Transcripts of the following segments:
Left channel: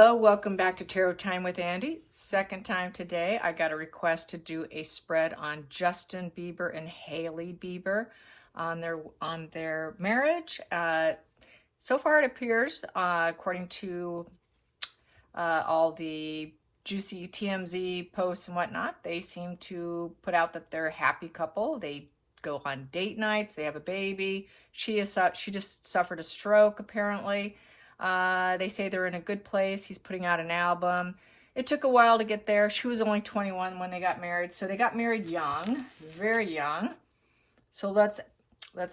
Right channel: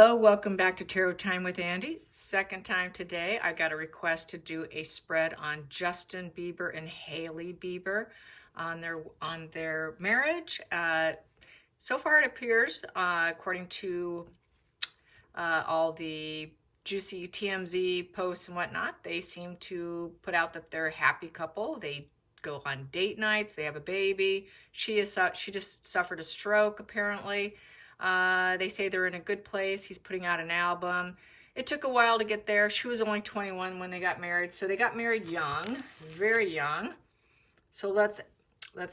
Hello, welcome back to Tarot Time with Andy. Second time today. I got a request to do a spread on Justin Bieber and Hailey Bieber on their marriage. So far it appears, according to all the juicy TMZ posts and whatnot, they seem to put out that they're a happy couple. They go on date nights, they have a baby. She just suffered a stroke apparently. They say they're in a good place. He's putting out an album. It took a while to get there. She was only 21 when they got married. So they got married young, very young. So let's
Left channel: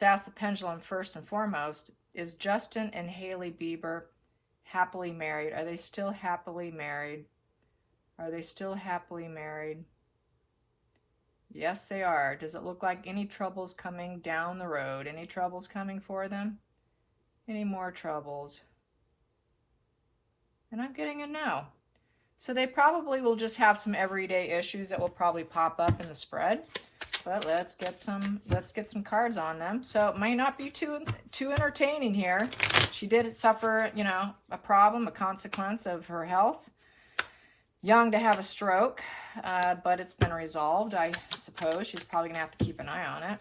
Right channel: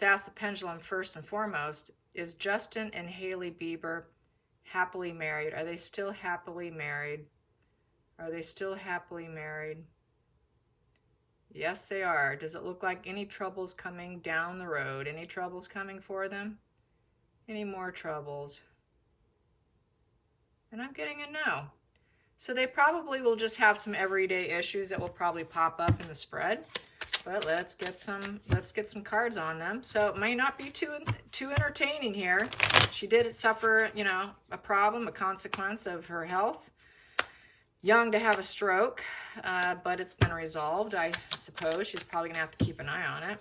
ask the pendulum first and foremost. Is Justin and Hailey Bieber happily married? Are they still happily married? Are they still happily married? Yes, they are. Does it look like any troubles coming down the road? Any troubles coming for them? Any more troubles? And I'm getting a no. So they probably will just have some everyday issues that will probably pop up in the spread. But let's get some cards on them. So it may not be too entertaining here. She did suffer, a problem, a consequence of her health. Young to have a stroke, but it's been resolved, I suppose. She's probably gonna have to keep an eye on it.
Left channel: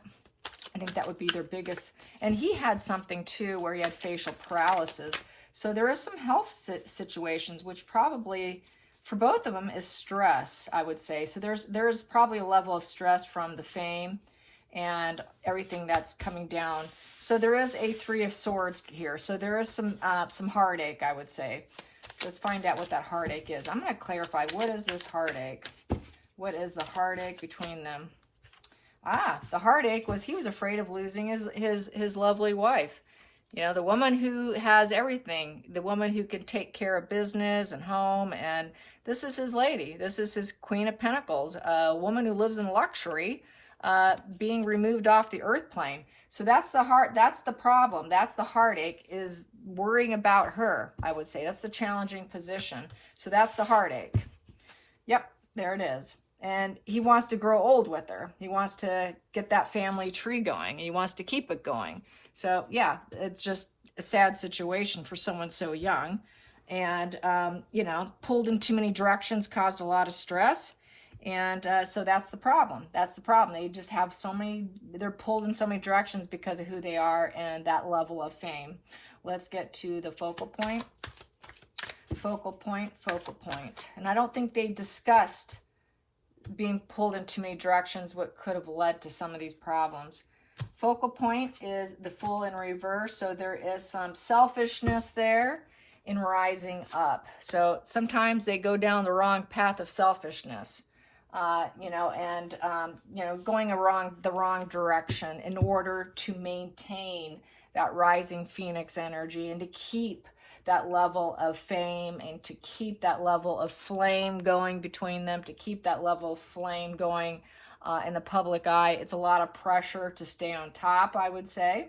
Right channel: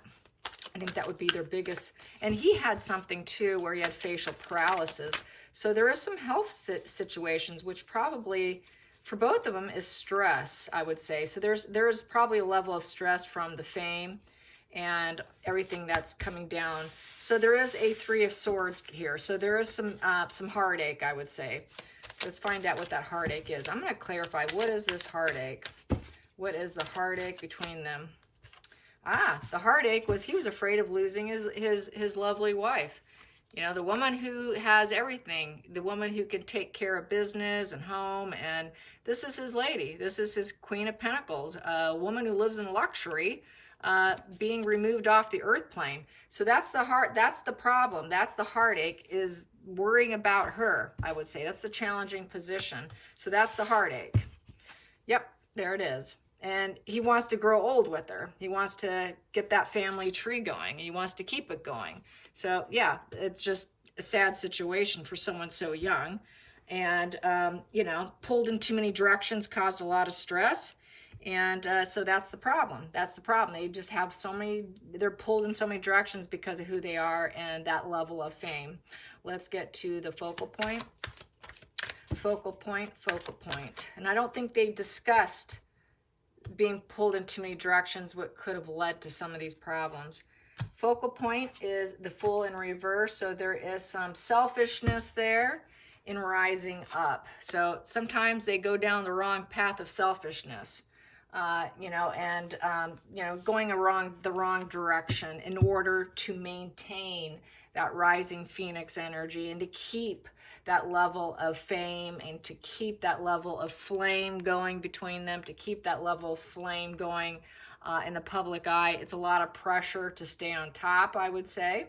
I think that would be their biggest. And he had something too where he had facial paralysis. So there is some health situations, which probably for both of them is stress, I would say. So there's probably a level of stress from the fame and everything that's coming down. So there is a 3 of Swords here. So there is some heartache, I would say. Let's find out what that heartache is. I'm going to clarify, what is this heartache? What is the heartache between them? The heartache was he was afraid of losing his lovely wife. The woman who has everything, the woman who can take care of business and home, and this is his lady. This is his Queen of Pentacles, a woman who lives in luxury, being removed off the earth plane. So that's the problem. That's the heartache, is worrying about her, I would say. That's the challenging position. So that's the heartache. Yep, there it is. And he wants to grow old with her. He wants to get that family tree going. He wants to keep it going. So yeah, it's just a sad situation for someone so young. And, pulled in too many directions caused a lot of stress. And so that's the problem. That's the problem. They just have they're pulled in so many directions because of who they are and that level of fame. Let's get to the focal point. Focal point, focal point. And I don't think they discussed being pulled in too many directions, what could have led to some of these problems. Focal point is the Fool in reverse. So there is some selfishness there in rising up. So sometimes they go down the wrong path of selfishness, going the wrong direction in order to maintain that rising phoenix energy and to keep that level of fame and to keep that level of flame going between them, to keep that level of flame going in the public eye. It's a lot of pressure to stay on top, I would say.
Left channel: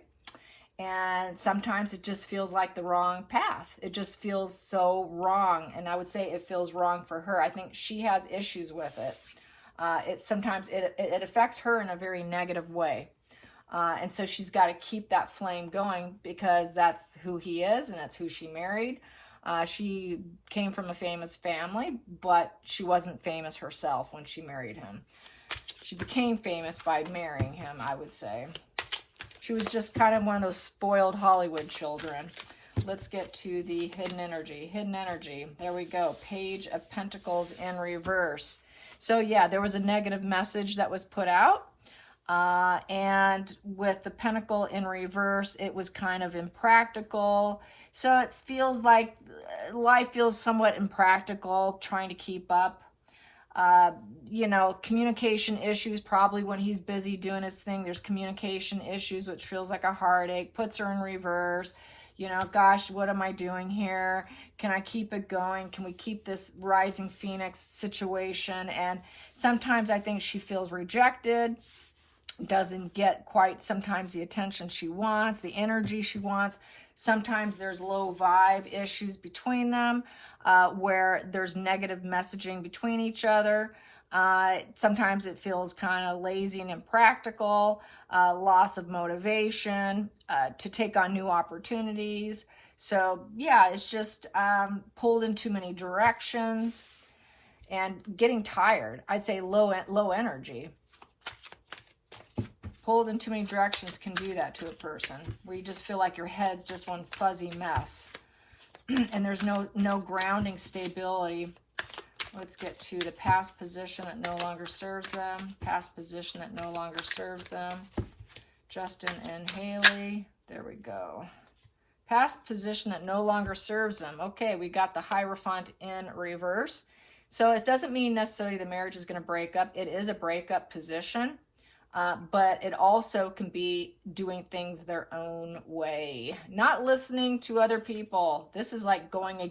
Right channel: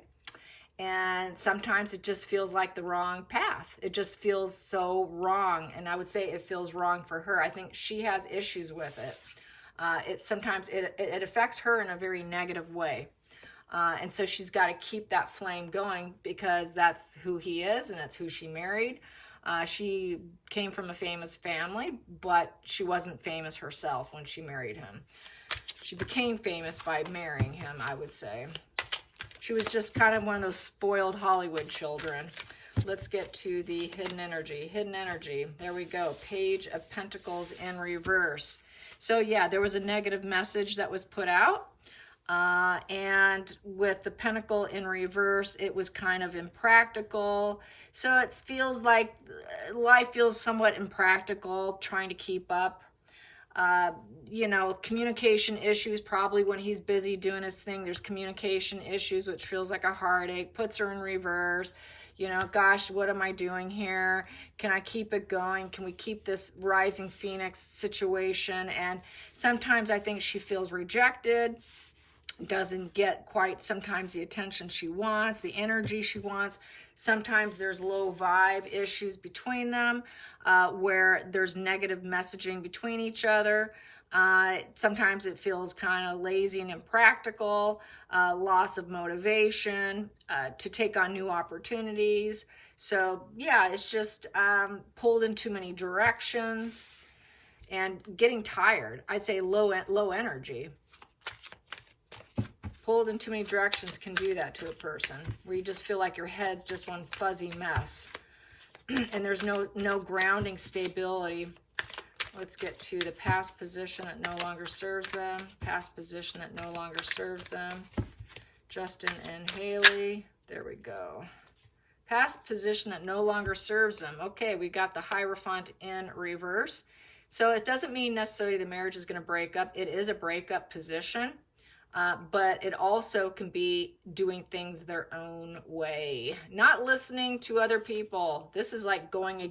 And sometimes it just feels like the wrong path. It just feels so wrong. And I would say it feels wrong for her. I think she has issues with it. Sometimes it affects her in a very negative way. And so she's got to keep that flame going because that's who he is and that's who she married. She came from a famous family, but she wasn't famous herself when she married him. She became famous by marrying him, I would say. She was just kind of one of those spoiled Hollywood children. Let's get to the hidden energy. Hidden energy. There we go. Page of Pentacles in reverse. So yeah, there was a negative message that was put out. And with the Pentacle in reverse, it was kind of impractical. So it feels like life feels somewhat impractical, trying to keep up. Communication issues, probably when he's busy doing his thing, there's communication issues, which feels like a heartache, puts her in reverse. Gosh, what am I doing here? Can I keep it going? Can we keep this rising phoenix situation? And sometimes I think she feels rejected, doesn't get quite sometimes the attention she wants, the energy she wants. Sometimes there's low vibe issues between them where there's negative messaging between each other. Sometimes it feels kind of lazy and impractical, loss of motivation to take on new opportunities. So yeah, it's just pulled in too many directions and getting tired. I'd say low energy. Pulled in too many directions can do that to a person, where you just feel like your head's just one fuzzy mess. And there's no grounding stability. Let's get to the past position that no longer serves them. Past position that no longer serves them. Justin and Hailey. There we go. Past position that no longer serves them. Okay, we got the Hierophant in reverse. So it doesn't mean necessarily the marriage is going to break up. It is a breakup position. But it also can be doing things their own way, not listening to other people. This is like going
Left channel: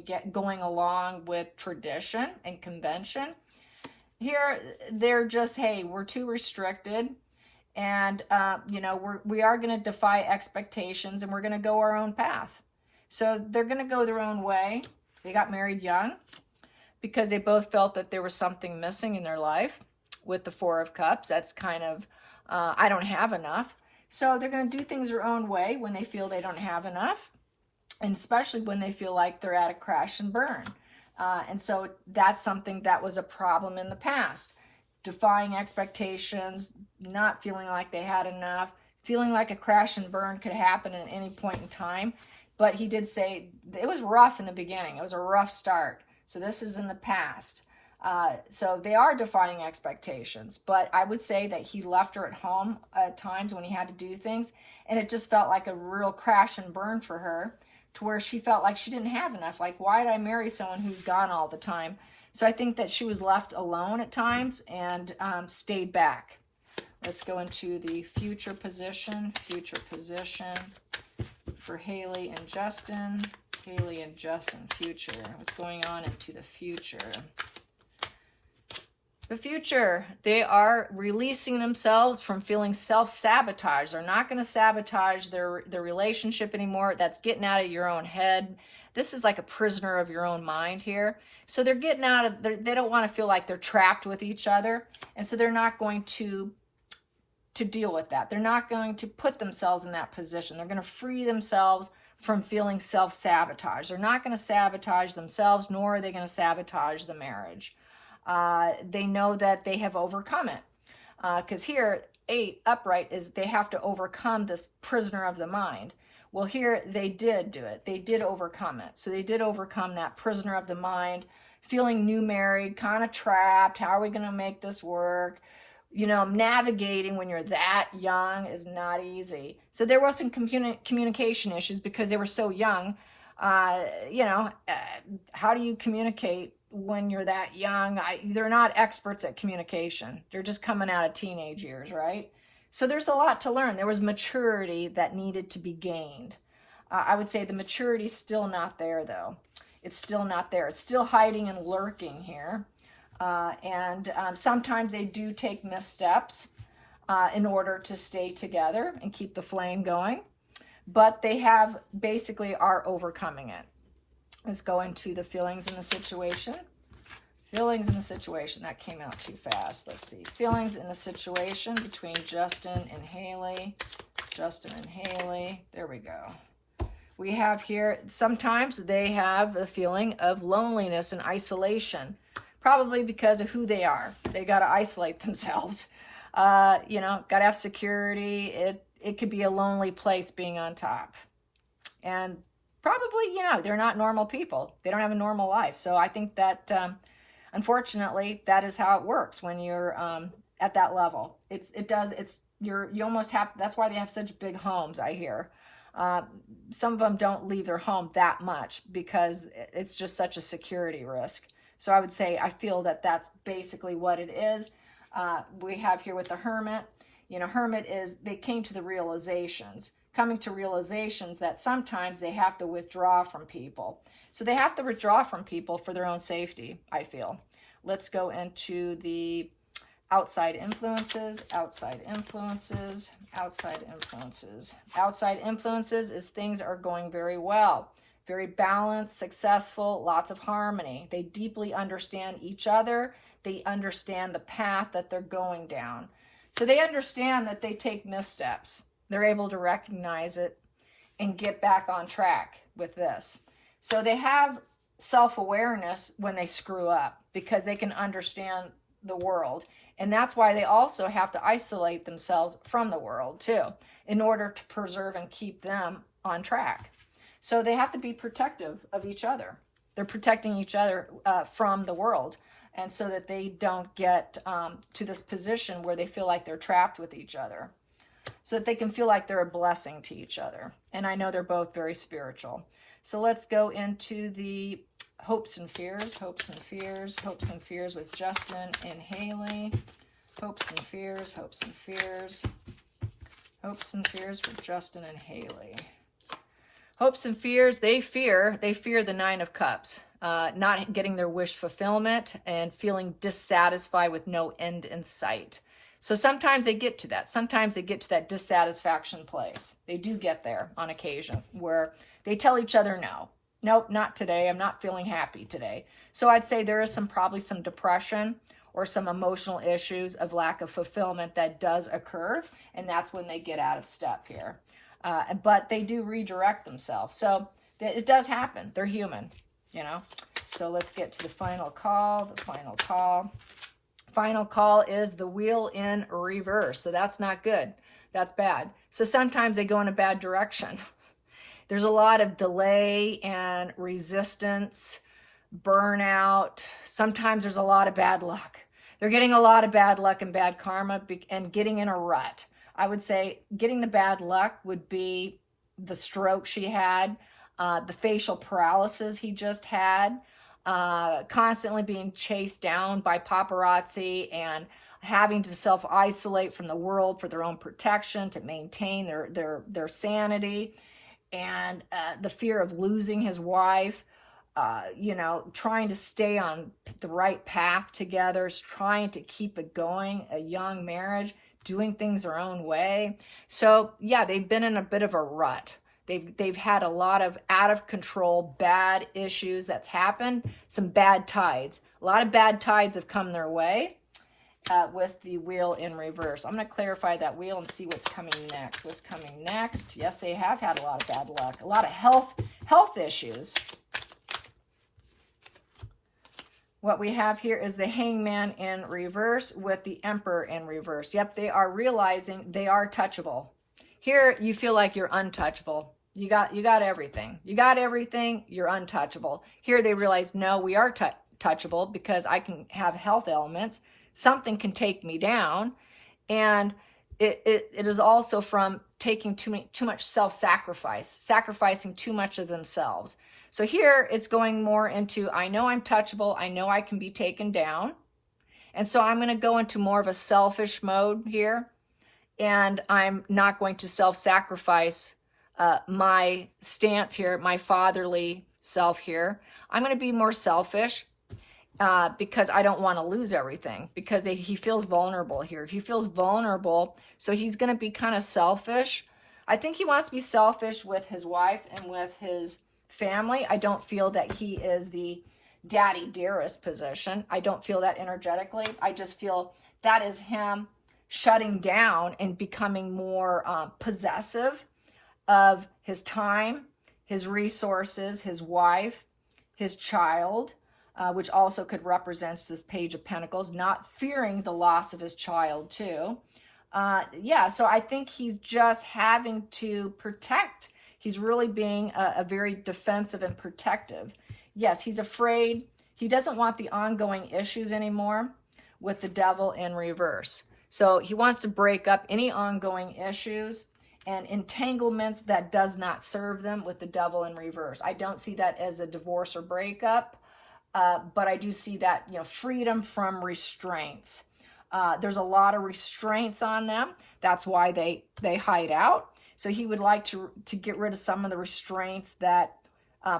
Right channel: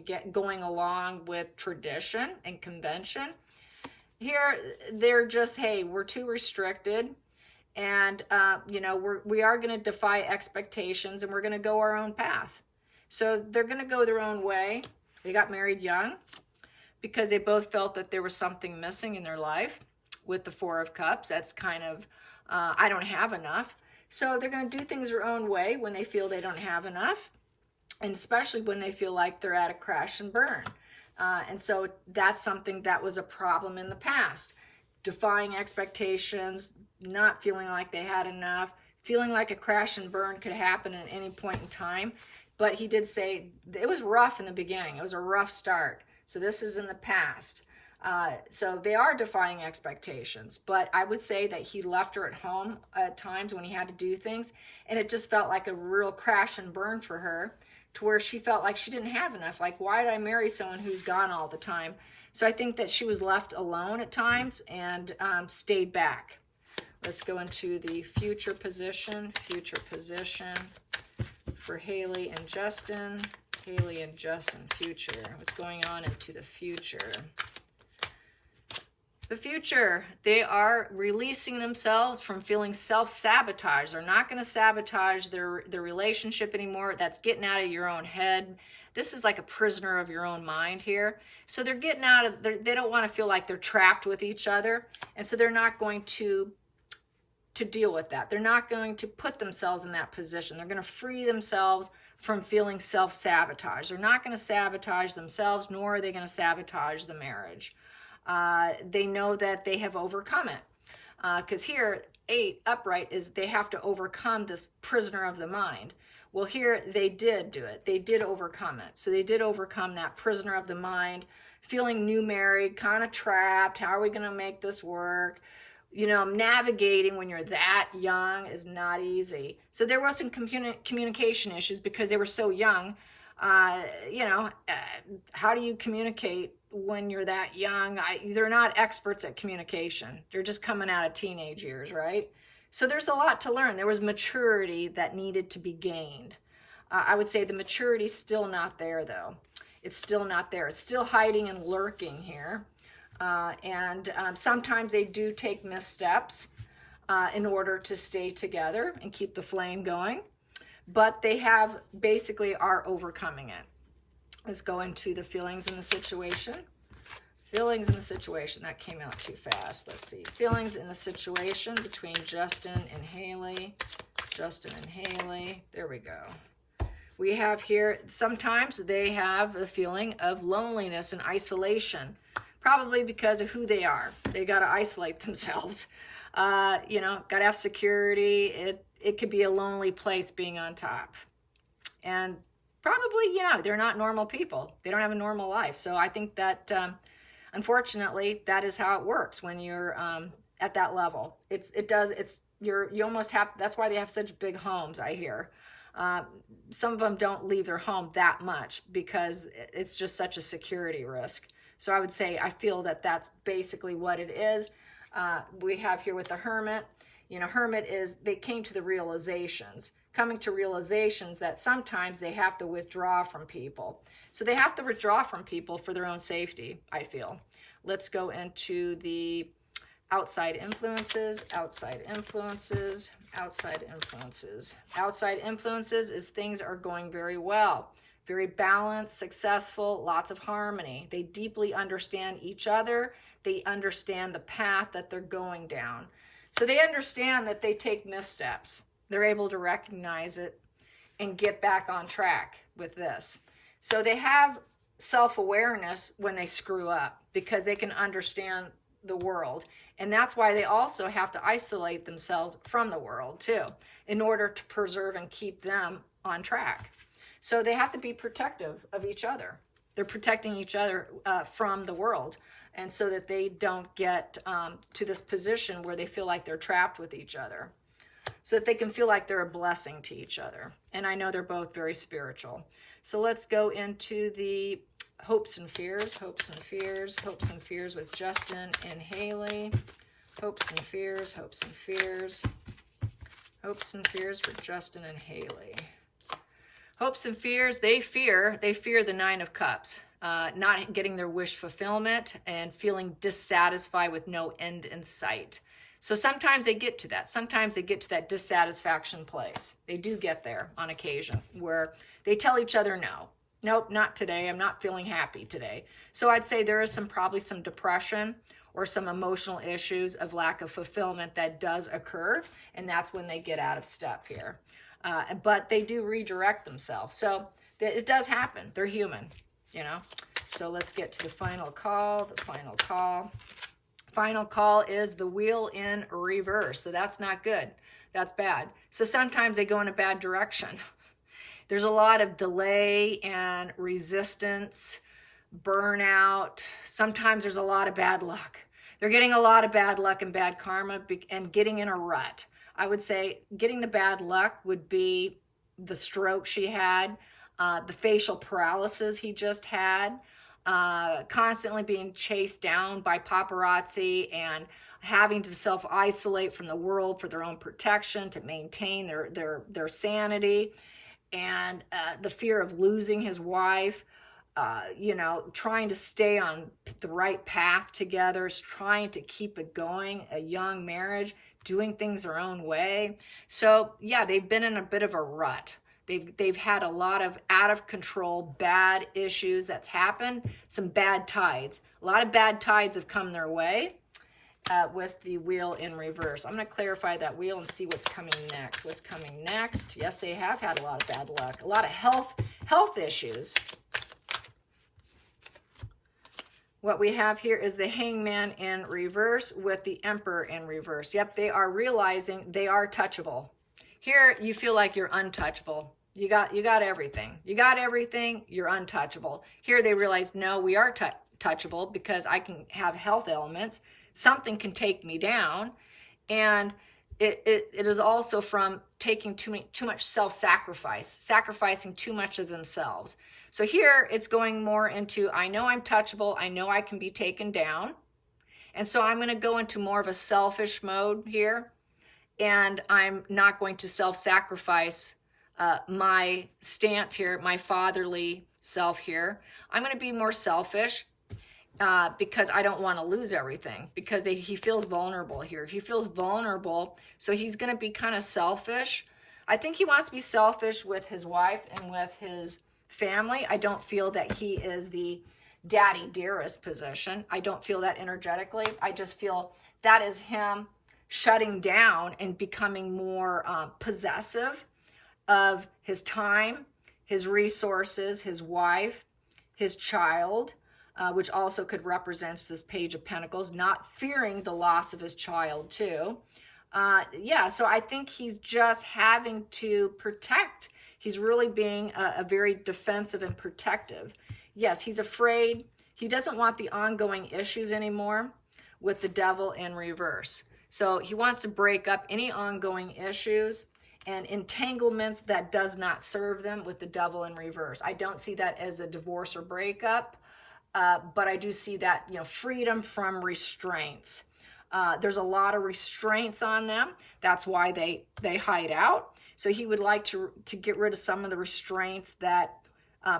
along with tradition and convention. Here, they're just, hey, we're too restricted, and you know, we are going to defy expectations, and we're going to go our own path. So they're going to go their own way. They got married young because they both felt that there was something missing in their life. With the Four of Cups, that's kind of I don't have enough. So they're going to do things their own way when they feel they don't have enough, and especially when they feel like they're at a crash and burn. And so that's something that was a problem in the past. Defying expectations, not feeling like they had enough, feeling like a crash and burn could happen at any point in time. But he did say it was rough in the beginning. It was a rough start. So this is in the past. So they are defying expectations, but I would say that he left her at home at times when he had to do things, and it just felt like a real crash and burn for her, to where she felt like she didn't have enough. Like, why did I marry someone who's gone all the time? So I think that she was left alone at times and stayed back. Let's go into the future position for Hailey and Justin. Hailey and Justin, future. What's going on into the future? The future, they are releasing themselves from feeling self-sabotage. They're not going to sabotage their relationship anymore. That's getting out of your own head. This is like a prisoner of your own mind here. So they're getting out of, they don't want to feel like they're trapped with each other. And so they're not going to deal with that. They're not going to put themselves in that position. They're going to free themselves from feeling self-sabotage. They're not going to sabotage themselves, nor are they going to sabotage the marriage. They know that they have overcome it. Because here, 8 upright is they have to overcome this prisoner of the mind. Well, here they did do it. They did overcome it. So they did overcome that prisoner of the mind, feeling new married, kind of trapped. How are we going to make this work? You know, navigating when you're that young is not easy. So there was some communication issues because they were so young. You know, how do you communicate when you're that young? They're not experts at communication. They're just coming out of teenage years, right? So there's a lot to learn. There was maturity that needed to be gained. I would say the maturity's still not there, though. It's still not there. It's still hiding and lurking here. And sometimes they do take missteps in order to stay together and keep the flame going. But they have basically are overcoming it. Let's go into the feelings in the situation. Feelings in the situation. That came out too fast. Let's see. Feelings in the situation between Justin and Hailey. Justin and Hailey. There we go. We have here, sometimes they have a feeling of loneliness and isolation. Probably because of who they are. They got to isolate themselves. You know, got to have security. It could be a lonely place being on top. And probably, you know, they're not normal people. They don't have a normal life. So I think that, unfortunately, that is how it works when you're at that level. You almost have, that's why they have such big homes, I hear. Some of them don't leave their home that much because it's just such a security risk. So I would say, I feel that that's basically what it is. We have here with the Hermit, you know, Hermit is, they came to the realizations, coming to realizations that sometimes they have to withdraw from people. So they have to withdraw from people for their own safety, I feel. Let's go into the outside influences, outside influences, outside influences. Outside influences is things are going very well. Very balanced, successful, lots of harmony. They deeply understand each other. They understand the path that they're going down. So they understand that they take missteps. They're able to recognize it and get back on track. with this. So they have self-awareness when they screw up because they can understand the world. And that's why they also have to isolate themselves from the world too, in order to preserve and keep them on track. So they have to be protective of each other. They're protecting each other from the world, and so that they don't get to this position where they feel like they're trapped with each other, so that they can feel like they're a blessing to each other. And I know they're both very spiritual. So let's go into the hopes and fears, hopes and fears, hopes and fears with Justin and Hailey. Hopes and fears, hopes and fears, hopes and fears with Justin and Hailey. Hopes and fears, they fear the Nine of Cups, not getting their wish fulfillment and feeling dissatisfied with no end in sight. So sometimes they get to that. Sometimes they get to that dissatisfaction place. They do get there on occasion where they tell each other no. Nope, not today. I'm not feeling happy today. So I'd say there is probably some depression or some emotional issues of lack of fulfillment that does occur. And that's when they get out of step here. But they do redirect themselves. So it does happen. They're human, you know. So let's get to the final call. The final call. Final call is the wheel in reverse. So that's not good. That's bad. So sometimes they go in a bad direction. There's a lot of delay and resistance, burnout. Sometimes there's a lot of bad luck. They're getting a lot of bad luck and bad karma and getting in a rut. I would say getting the bad luck would be the stroke she had, the facial paralysis he just had, constantly being chased down by paparazzi and having to self-isolate from the world for their own protection to maintain their sanity, and the fear of losing his wife, you know, trying to stay on the right path together, trying to keep it going, a young marriage, doing things their own way. So yeah, they've been in a bit of a rut. They've had a lot of out of control, bad issues that's happened, some bad tides. A lot of bad tides have come their way with the wheel in reverse. I'm going to clarify that wheel and see what's coming next. What's coming next? Yes, they have had a lot of bad luck, a lot of health issues. What we have here is the Hangman in reverse with the Emperor in reverse. Yep, they are realizing they are touchable. Here, you feel like you're untouchable. You got everything. You got everything, you're untouchable. Here they realize, no, we are touchable because I can have health ailments. Something can take me down. And it is also from taking too much self-sacrifice, sacrificing too much of themselves. So here it's going more into, I know I'm touchable. I know I can be taken down. And so I'm going to go into more of a selfish mode here. And I'm not going to self-sacrifice my stance here, my fatherly self here. I'm going to be more selfish because I don't want to lose everything, because he feels vulnerable here. He feels vulnerable, so he's going to be kind of selfish. I think he wants to be selfish with his wife and with his family. I don't feel that he is the daddy dearest position. I don't feel that energetically. I just feel that is him shutting down and becoming more possessive of his time, his resources, his wife, his child, which also could represent this Page of Pentacles, not fearing the loss of his child too. Yeah, so I think he's just having to protect. He's really being a very defensive and protective. Yes, he's afraid. He doesn't want the ongoing issues anymore with the Devil in reverse. So he wants to break up any ongoing issues and entanglements that does not serve them with the Devil in reverse. I don't see that as a divorce or breakup, but I do see that, you know, freedom from restraints. There's a lot of restraints on them. That's why they hide out. So he would like to get rid of some of the restraints that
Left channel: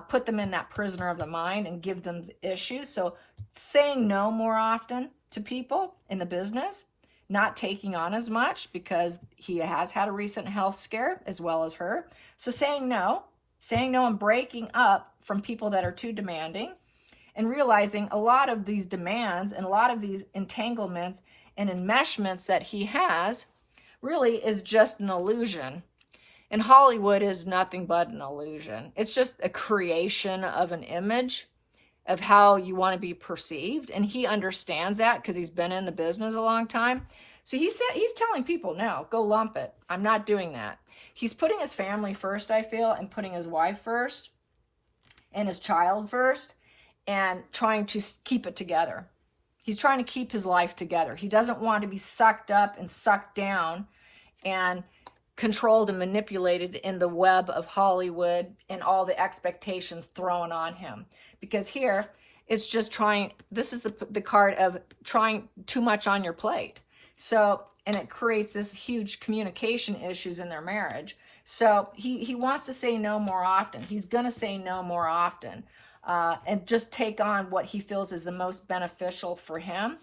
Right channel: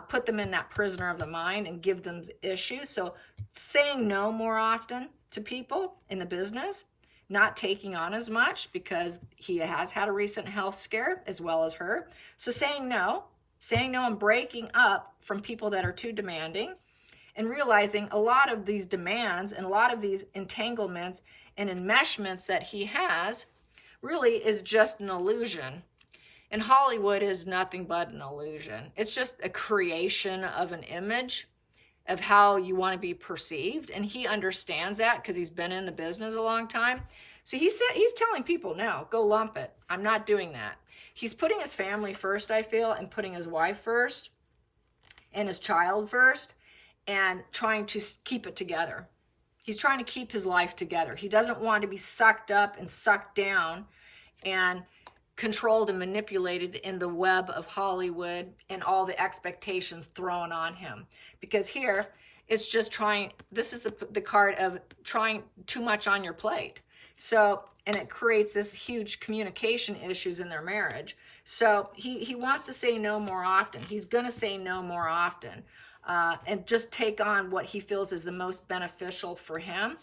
put them in that prisoner of the mind and give them issues. So saying no more often to people in the business, not taking on as much because he has had a recent health scare as well as her. So saying no and breaking up from people that are too demanding, and realizing a lot of these demands and a lot of these entanglements and enmeshments that he has really is just an illusion. And Hollywood is nothing but an illusion. It's just a creation of an image of how you want to be perceived. And he understands that because he's been in the business a long time. So he's telling people, no, go lump it. I'm not doing that. He's putting his family first, I feel, and putting his wife first and his child first and trying to keep it together. He's trying to keep his life together. He doesn't want to be sucked up and sucked down and controlled and manipulated in the web of Hollywood and all the expectations thrown on him. Because here, it's just trying, this is the card of trying too much on your plate. So, and it creates this huge communication issues in their marriage. So he wants to say no more often. He's going to say no more often and just take on what he feels is the most beneficial for him.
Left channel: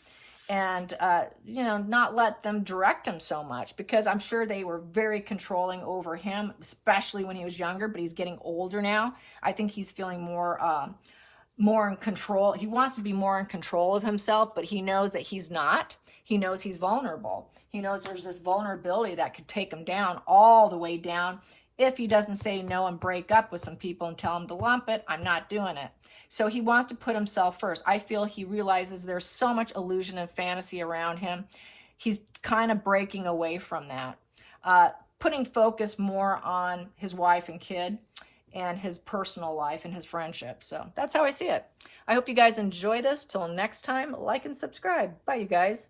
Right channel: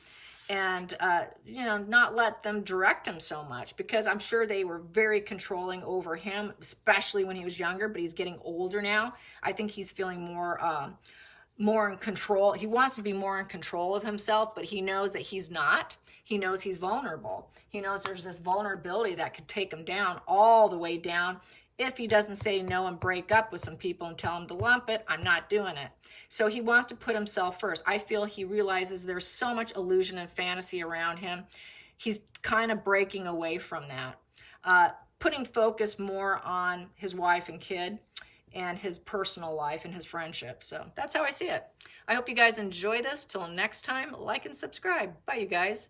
And, you know, not let them direct him so much, because I'm sure they were very controlling over him, especially when he was younger, but he's getting older now. I think he's feeling more in control. He wants to be more in control of himself, but he knows that he's not. He knows he's vulnerable. He knows there's this vulnerability that could take him down, all the way down, if he doesn't say no and break up with some people and tell him to lump it. I'm not doing it. So he wants to put himself first. I feel he realizes there's so much illusion and fantasy around him. He's kind of breaking away from that, putting focus more on his wife and kid and his personal life and his friendship. So that's how I see it. I hope you guys enjoy this. Till next time, like and subscribe. Bye, you guys.